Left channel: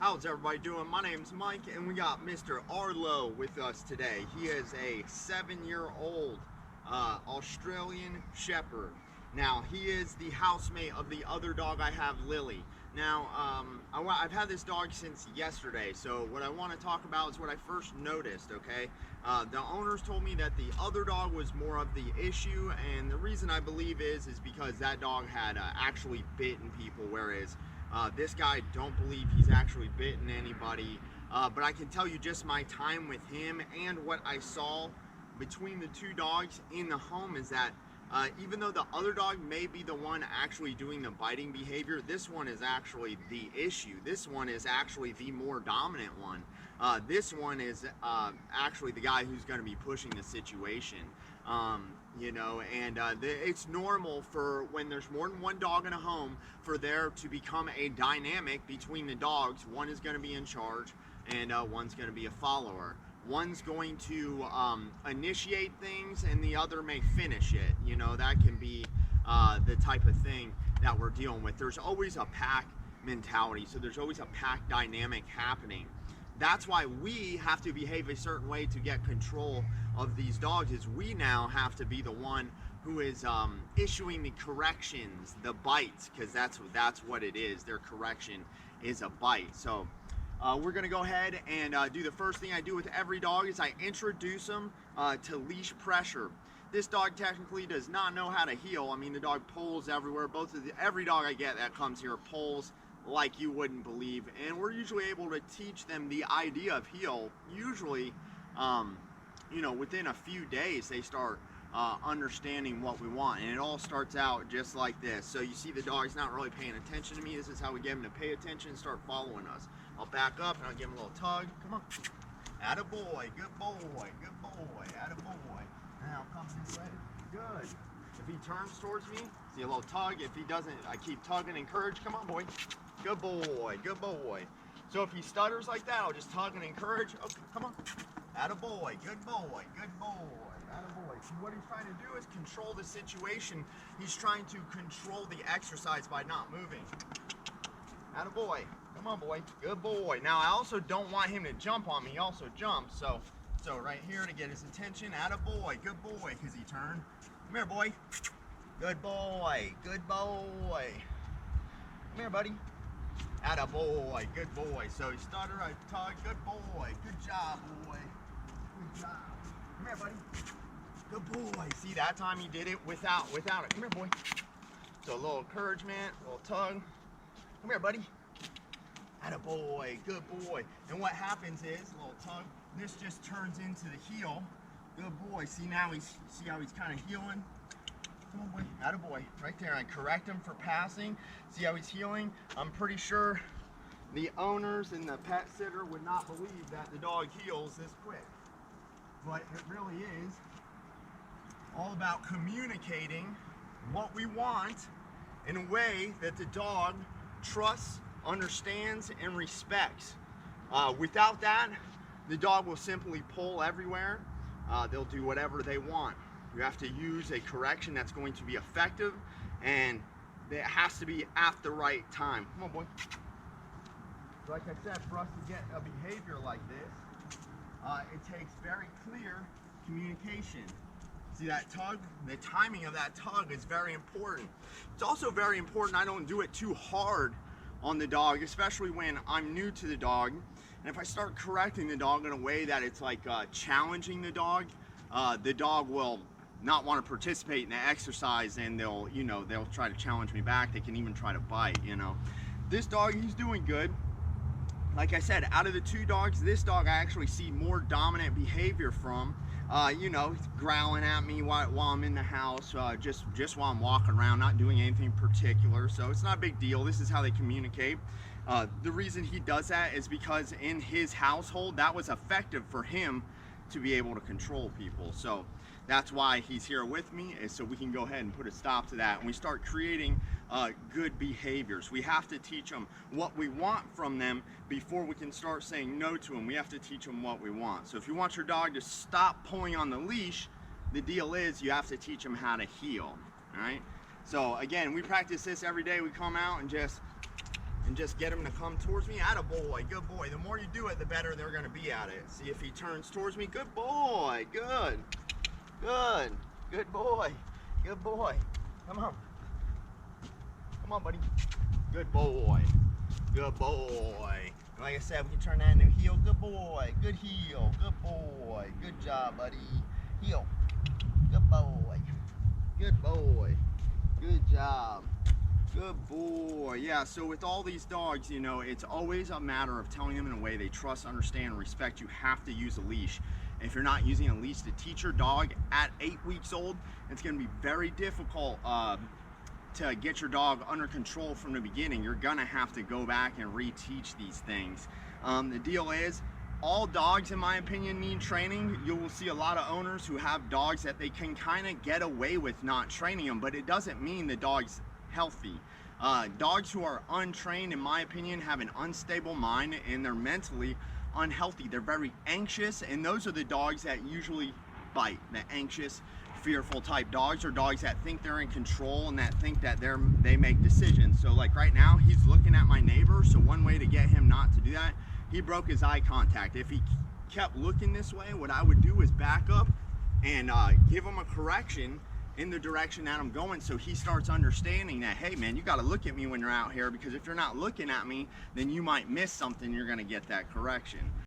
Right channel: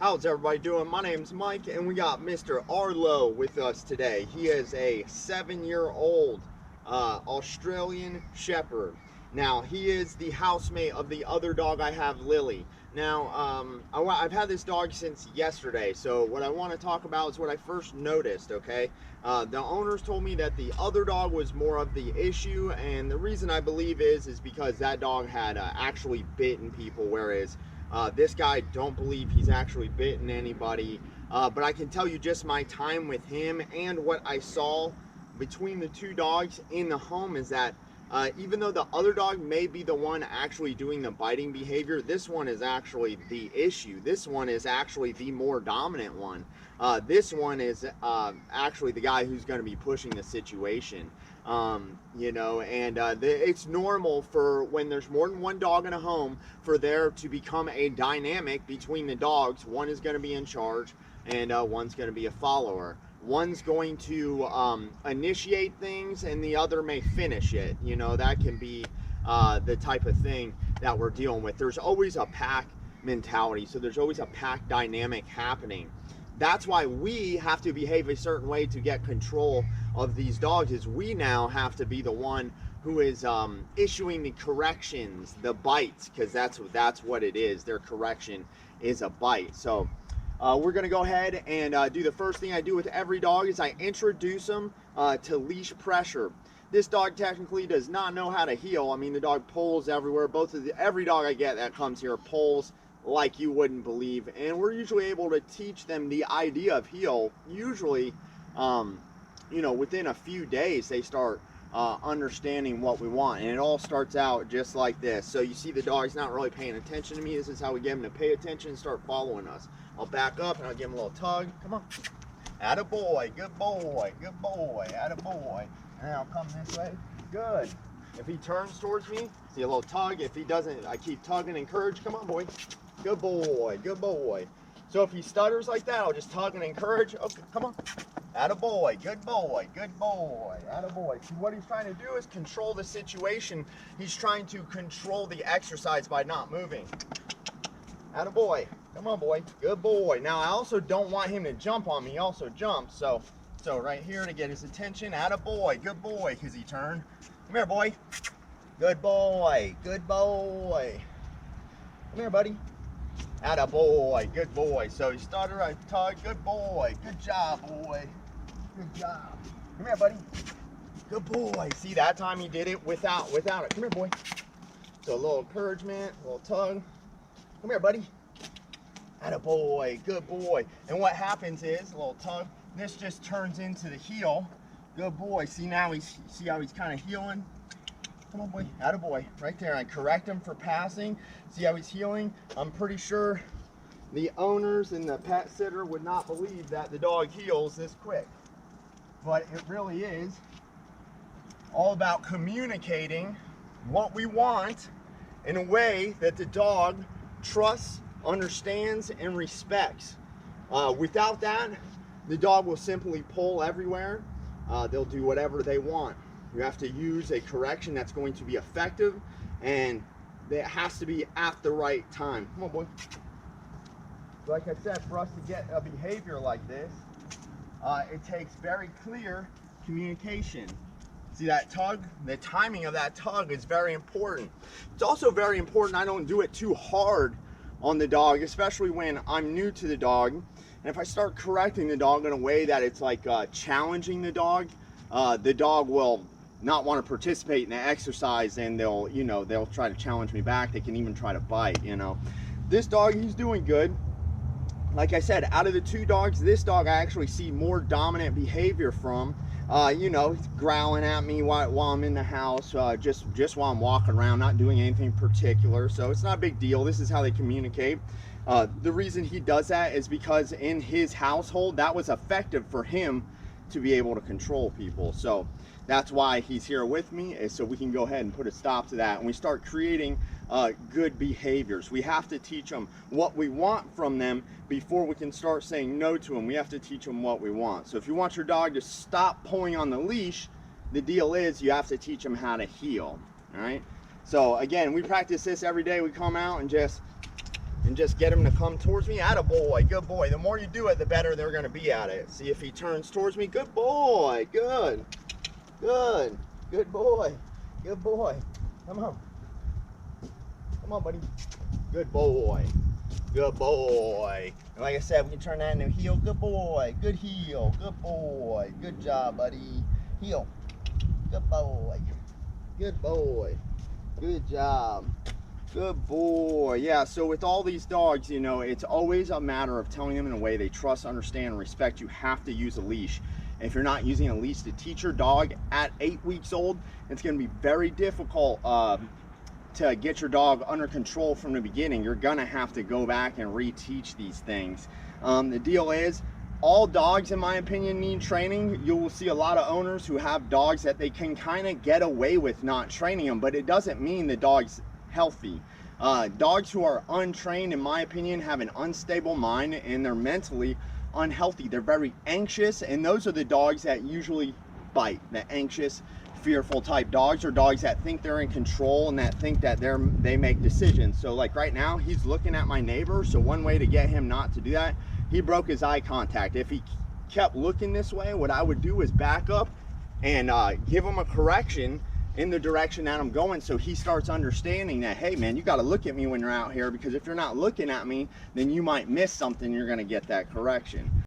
How's everybody doing? My name's Mike, and we got Mr. Arlo with us today. He is a 7-year-old Australian Shepherd. Now, he is the housemate of the other dog I have, Lily. Now, I've had this dog since yesterday, so what I want to talk about is what I first noticed, okay? The owners told me that the other dog was more of the issue, and the reason I believe is because that dog had actually bitten people, whereas this guy, don't believe he's actually bitten anybody, but I can tell you just my time with him and what I saw between the two dogs in the home is that even though the other dog may be the one actually doing the biting behavior, this one is actually the issue. This one is actually the more dominant one. This one is actually the guy who's going to be pushing the situation. It's normal for when there's more than one dog in a home for there to become a dynamic between the dogs. One is going to be in charge and one's going to be a follower. One's going to initiate things and the other may finish it. You know, that can be the type of thing that we're dealing with. There's always a pack mentality, so there's always a pack dynamic happening. That's why we have to behave a certain way to get control of these dogs, is we now have to be the one who is issuing the corrections, the bites, because that's what it is. Their correction is a bite. So we're gonna go ahead and do the first thing I do with every dog is I introduce them to leash pressure. This dog technically does not know how to heel. I mean, the dog pulls everywhere. Every dog I get that comes here pulls like you wouldn't believe, and we're usually able to teach them the idea of heel. Usually, within a few days they start understanding what we want, and it all starts out just like this. So you see the dog's not really paying attention to me. This is how we get him to pay attention and start following us. I'll back up and I'll give him a little tug. Come on. Attaboy, good boy, good boy, attaboy. And I'll come this way. Good. If he turns towards me, see a little tug. If he doesn't, I keep tugging, encourage. Come on, boy. Good boy, good boy. So if he stutters like that, I'll just tug and encourage. Okay, come on. Attaboy, good boy, good boy, attaboy. See, what he's trying to do is control the situation. He's trying to control the exercise by not moving. Attaboy, come on, boy, good boy. Now, I also don't want him to jump on me. He also jumps, so right here to get his attention. Attaboy, good boy, because he turned. Come here, boy. Good boy, good boy. Come here, buddy. Attaboy, good boy. So he started, I tug, good boy. Good job, boy. Good job. Come here, buddy. Good boy. See, that time he did it without it. Come here, boy. So a little encouragement, a little tug. Come here, buddy. Attaboy, good boy. And what happens is, a little tug, this just turns into the heel. Good boy. See now see how he's kind of heeling? Come on, boy. Attaboy. Right there. I correct him for passing. See how he's heeling? I'm pretty sure the owners and the pet sitter would not believe that the dog heels this quick. But it really is all about communicating what we want in a way that the dog trusts, understands, and respects. Without that, the dog will simply pull everywhere. They'll do whatever they want. You have to use a correction that's going to be effective, and it has to be at the right time. Come on, boy. So like I said, for us to get a behavior like this, it takes very clear communication. See that tug? The timing of that tug is very important. It's also very important I don't do it too hard on the dog, especially when I'm new to the dog. And if I start correcting the dog in a way that it's like challenging the dog will not want to participate in the exercise, and they'll try to challenge me back. They can even try to bite. This dog, he's doing good. Like I said, out of the two dogs, this dog I actually see more dominant behavior from. He's growling at me while I'm in the house, just while I'm walking around, not doing anything particular. So it's not a big deal. This is how they communicate. The reason he does that is because in his household, that was effective for him to be able to control people. So that's why he's here with me, is so we can go ahead and put a stop to that, and we start creating good behaviors. We have to teach them what we want from them before we can start saying no to them. We have to teach them what we want. So if you want your dog to stop pulling on the leash, the deal is you have to teach them how to heel. All right, so again, we practice this every day. We come out and just and just get him to come towards me. Attaboy, good boy. The more you do it, the better they're gonna be at it. See if he turns towards me. Good boy, good, good, good boy, good boy. Come on, come on, buddy. Good boy, good boy. And like I said, we can turn that into a heel. Good boy, good heel, good boy. Good job, buddy. Heel, good boy, good boy, good job. Good boy. Yeah, so with all these dogs, you know, it's always a matter of telling them in a way they trust, understand, and respect. You have to use a leash. If you're not using a leash to teach your dog at 8 weeks old, it's going to be very difficult to get your dog under control from the beginning. You're going to have to go back and reteach these things. The deal is, all dogs, in my opinion, need training. You will see a lot of owners who have dogs that they can kind of get away with not training them, but it doesn't mean the dog's healthy. Dogs who are untrained, in my opinion, have an unstable mind and they're mentally unhealthy. They're very anxious, and those are the dogs that usually bite. The anxious, fearful type dogs are dogs that think they're in control and that think that they make decisions. So like right now, he's looking at my neighbor. So one way to get him not to do that, he broke his eye contact. If he kept looking this way, what I would do is back up and give him a correction in the direction that I'm going, so he starts understanding that, hey man, you got to look at me when you're out here, because if you're not looking at me, then you might miss something. You're going to get that correction.